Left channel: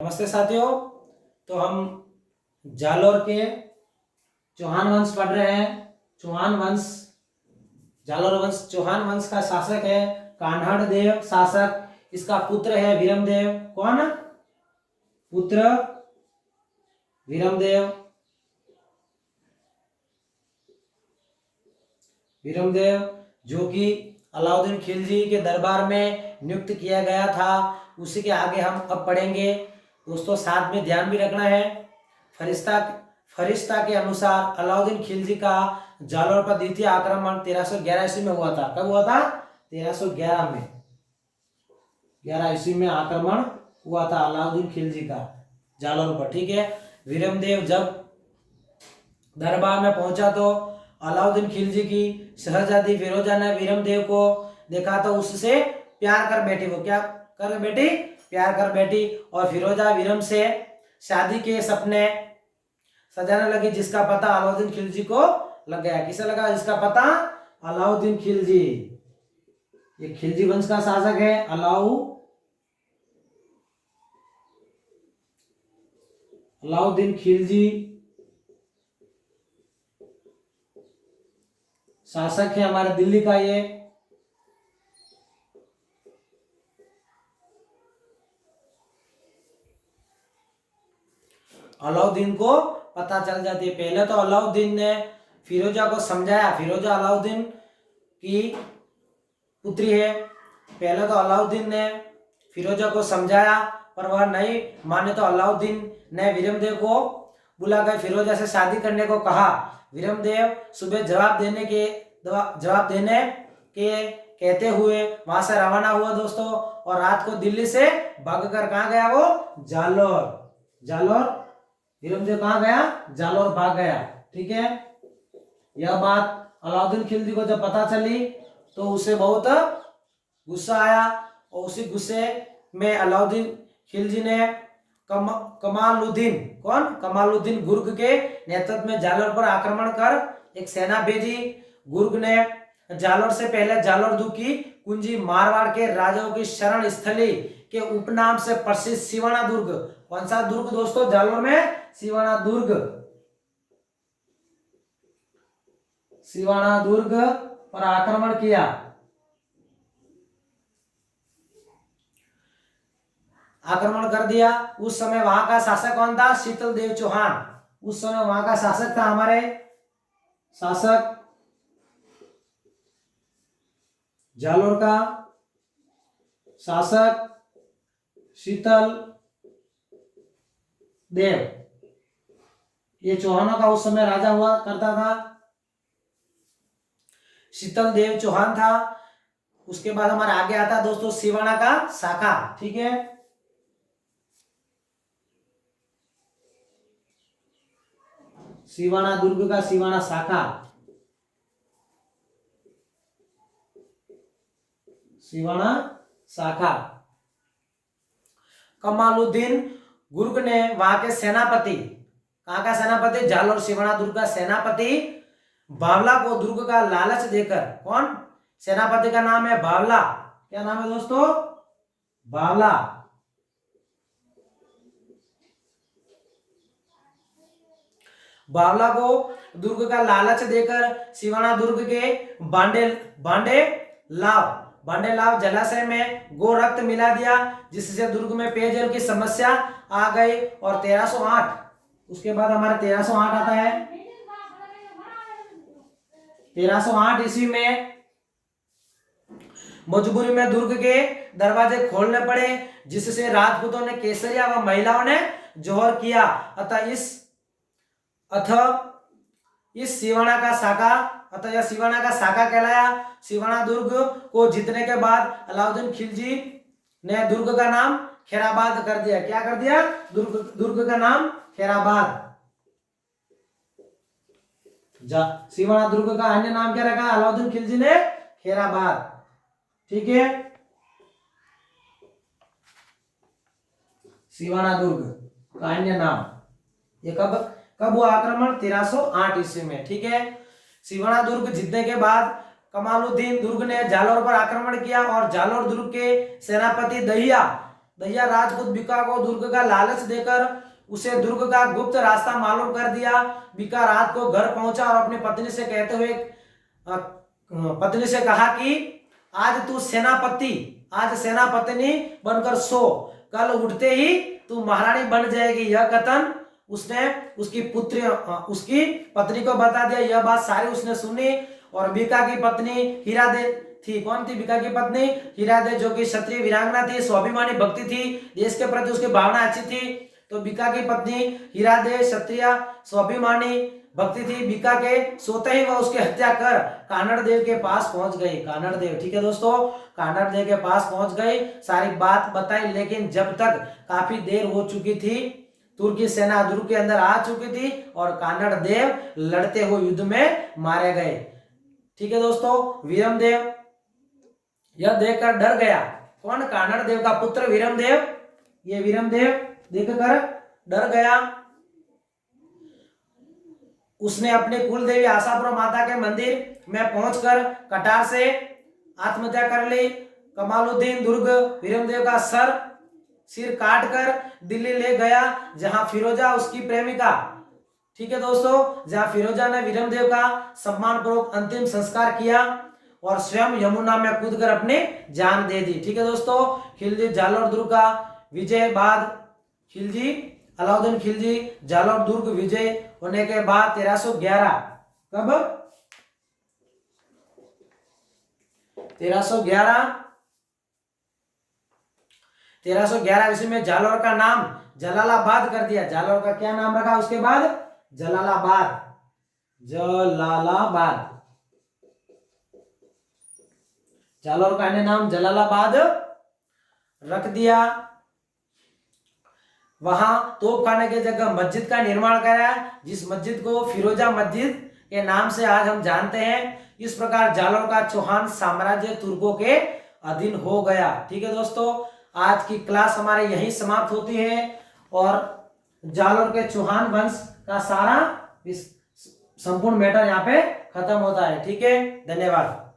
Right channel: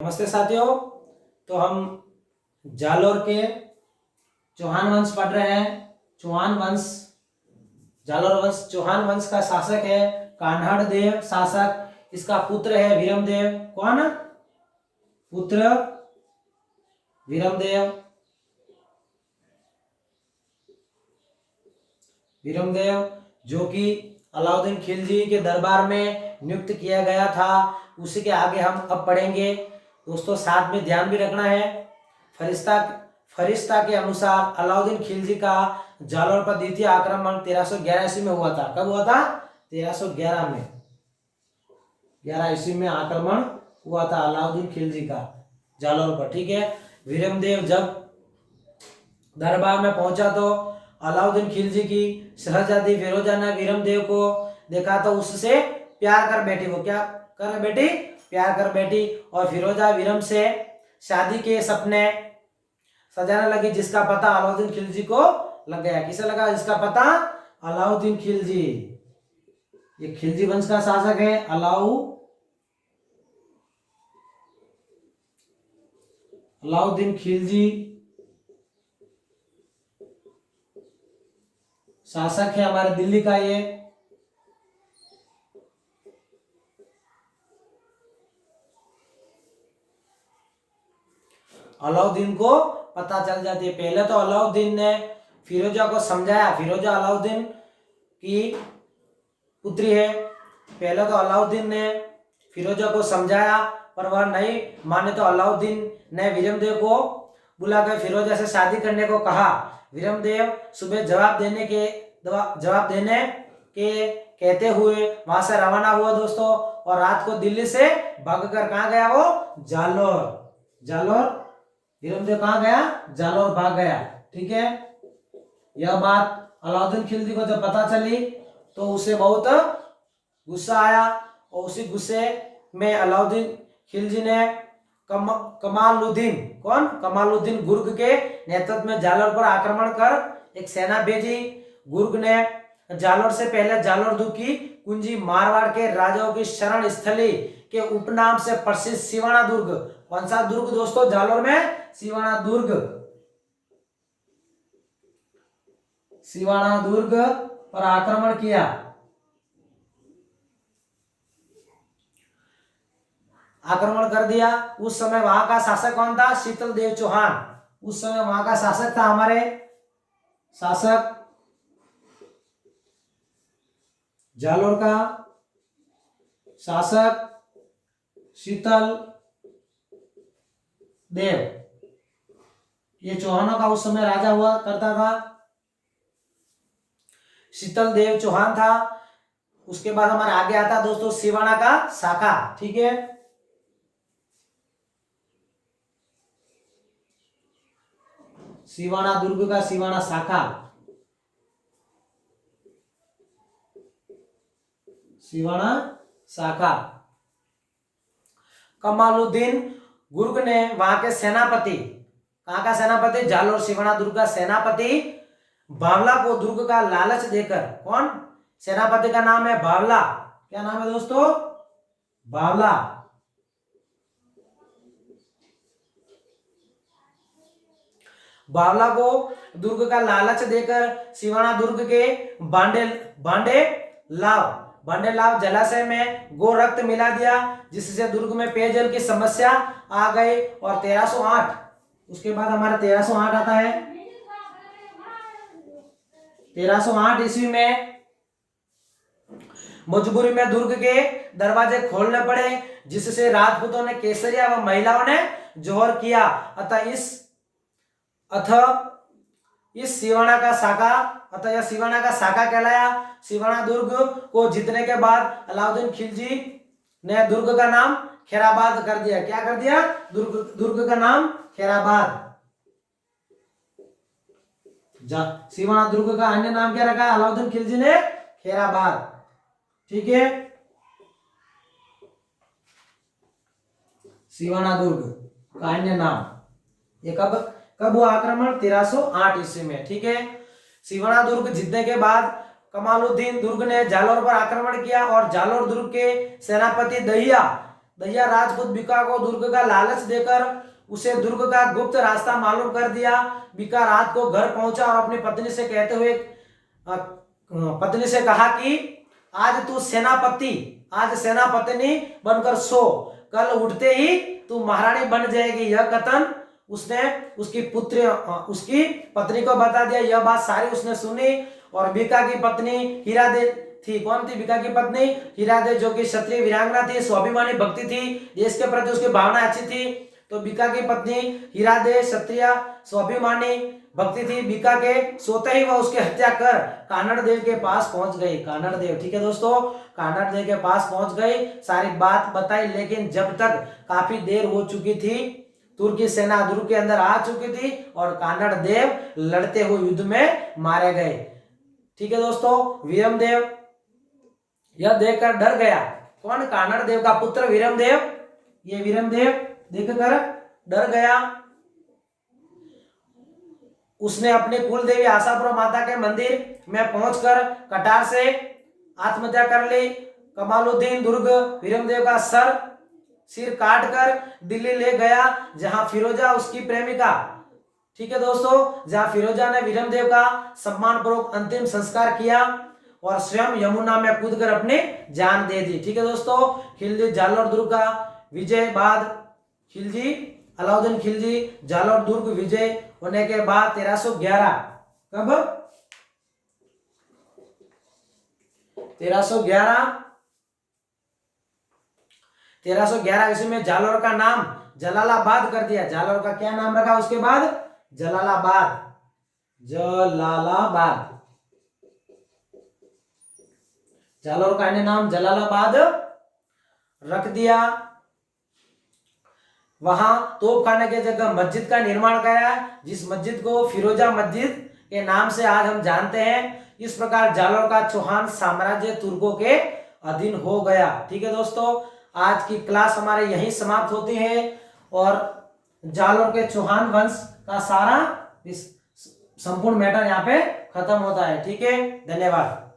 नमस्ते साथियों। तो हम जालोर के चौहान वंश पढ़ रहे हैं। चौहान वंश, जालोर वंश चौहान वंश का शासक है कान्हड़ देव शासक। इसका पुत्र है वीरमदेव। कौन पुत्र? वीरमदेव। वीरमदेव जो कि अलाउद्दीन खिलजी के दरबार में नियुक्त किया गया था। उसी के आगे हम अब पढ़ेंगे। दोस्तों साथ में ध्यान भी रखना है, फरिश्ता के अनुसार अलाउद्दीन खिलजी का जालोर पर द्वितीय आक्रमण 1311 ईस्वी में हुआ था। कब हुआ था? 1311 में, 11 ईस्वी में आक्रमण हुआ था अलाउद्दीन खिलजी का जालोर पर। ठीक है। वीरमदेव जब दरबार में पहुंचा तो अलाउद्दीन खिलजी की शहजादी फिरोजा ने वीरमदेव को देखा तो उससे प्यार कर बैठी। वो क्या कर बैठी? प्यार कर बैठी। और फिरोजा वीरम से शादी के सपने सजाने लगी, जिसका पता अलाउद्दीन खिलजी को लग गया। किसे लगा जिसका पता? अलाउद्दीन खिलजी। ये खिलजी वंश का शासक है अलाउद्दीन खिलजी शासक है हमारे दिल्ली का। ये अलाउद्दीन को पता चल जाती है। पहले तो अलाउद्दीन ने फिरोजा को समझाया। फिरोजा अलाउद्दीन की पुत्री है। पहले तो अलाउद्दीन ने फिरोजा को समझाया पर वह नहीं माने तो अलाउद्दीन ने वीरमदेव को बुलाकर फिरोजा से शादी करने को कहा। वीरमदेव सुबह जवाब देने के कहते हुए वहां से रवाना हुआ दोस्तों। और रात को दिल्ली से भागकर कहाँ गया? वो जालोर। वीरमदेव कहाँ गया? जालोर भाग गया। ठीक है। यह बात अलाउद्दीन खिलजी को जब पता चली तो उसे बहुत गुस्सा आया। और उसी गुस्से में अलाउद्दीन खिलजी ने कमालुद्दीन गुर्ग के नेतृत्व में जालोर पर आक्रमण कर एक सेना भेजी। गुर्ग ने जालोर से पहले जालोर की कुंजी मारवाड़ के राजाओं की शरण स्थली के उपनाम से प्रसिद्ध सिवाना दुर्ग। कौन सा दुर्ग दोस्तों? जालोर में सिवाना दुर्ग पर आक्रमण किया। आक्रमण कर दिया। उस समय वहां का शासक कौन था? शीतल देव चौहान। उस समय वहां का शासक था हमारे शासक जालोर का शासक शीतल देव। ये चौहानों का उस समय राजा हुआ करता था, शीतल देव चौहान था। उसके बाद हमारे आगे आता दोस्तों सिवाना का शाखा। ठीक है। सिवाना दुर्ग का सिवाना शाखा। सिवाना शाखा। कमालुद्दीन गुर्ग ने वहां के सेनापति, कहां का सेनापति? जालोर सिवाना दुर्ग का सेनापति बावला को दुर्ग का लालच देकर। कौन? सेनापति का नाम है बावला। क्या नाम है दोस्तों? बावला। बावला को दुर्ग का लालच देकर सिवाना दुर्ग के बांडे लाव जलाशय में गो रक्त मिला दिया, जिससे दुर्ग में पेयजल की समस्या आ गई। और 1308, उसके बाद हमारा 1308 आता है। 1308 ईस्वी में मजबूरी में दुर्ग के दरवाजे खोलने पड़े, जिससे राजपूतों ने केसरिया व महिलाओं ने जोहर किया। अतः इस सिवाना का शाखा कहलाया। सिवाना दुर्ग को जीतने के बाद अलाउद्दीन खिलजी ने दुर्ग का नाम खैराबाद कर दिया। क्या कर दिया? दुर्ग का नाम खैराबाद। सिवाना दुर्ग का अन्य नाम क्या रखा अलाउद्दीन खिलजी ने? खैराबाद। ठीक है। सिवाना दुर्ग का अन्य नाम। ये कब हुआ आक्रमण? 1308 ईस्वी में। ठीक है। सिवाना दुर्ग जीतने के बाद कमालुद्दीन दुर्ग ने जालोर पर आक्रमण किया और जालोर दुर्ग के सेनापति दहिया राजपूत बीका को दुर्ग का लालच देकर उसे दुर्ग का गुप्त रास्ता मालूम कर दिया। बीका रात को घर पहुंचा और अपनी पत्नी से कहते हुए पत्नी से कहा कि आज तू आज सेनापतिनी बनकर सो, कल उठते ही तू महारानी बन जाएगी। यह कथन उसने उसकी पत्नी को बता दिया। यह बात सारी उसने सुनी और बीका की पत्नी हीरादे थी। कौन थी बीका की पत्नी? हीरादे, जो कि क्षत्रिय वीरांगना थी, स्वाभिमानी भक्ति थी, देश के प्रति उसकी भावना अच्छी थी। तो बीका की पत्नी हीरादे क्षत्रिय स्वाभिमानी भक्ति थी। बीका के सोते ही वह उसकी हत्या कर कानड़ देव के पास पहुंच गई। कानड़ देव, ठीक है दोस्तों, कानड़ देव के पास पहुंच गई, सारी बात बताई। लेकिन जब तक काफी देर हो चुकी थी, तुर्की सेना दुर्ग के अंदर आ चुकी थी और कानड़ देव लड़ते हुए युद्ध में मारे गए। ठीक है दोस्तों, वीरमदेव यह देखकर डर गया। कौन? कानड़ देव का पुत्र वीरमदेव। ये वीरमदेव देखकर डर गया। उसने अपनी कुल देवी आशापुरा माता के मंदिर में पहुंचकर कटार से आत्महत्या कर ली। कमालुद्दीन दुर्ग वीरमदेव का सिर काटकर दिल्ली ले गया, जहां फिरोजा उसकी प्रेमिका, ठीक है दोस्तों, जहां फिरोजा ने वीरमदेव का सम्मानपूर्वक अंतिम संस्कार किया और स्वयं यमुना में कूदकर अपनी जान दे दी। ठीक है दोस्तों, खिलजी जालोर दुर्ग का विजय बाद अलाउद्दीन खिलजी जालोर दुर्ग विजय होने के बाद 1311, कब? 1311 ईस्वी में जालोर का नाम जलालाबाद कर दिया। जालोर का क्या नाम रखा उसके बाद? जलालाबाद। जालोर का अन्य नाम जलालाबाद रख दिया। वहां तोपखाने की जगह मस्जिद का निर्माण कराया, जिस मस्जिद को फिरोजा मस्जिद के नाम से आज हम जानते हैं। इस प्रकार जालोर का चौहान साम्राज्य तुर्कों के अधीन हो गया। ठीक है दोस्तों, आज की क्लास हमारे यहीं समाप्त होती है और जालोर के चौहान वंश का सारा संपूर्ण मैटर यहाँ पे खत्म होता है। ठीक है, धन्यवाद।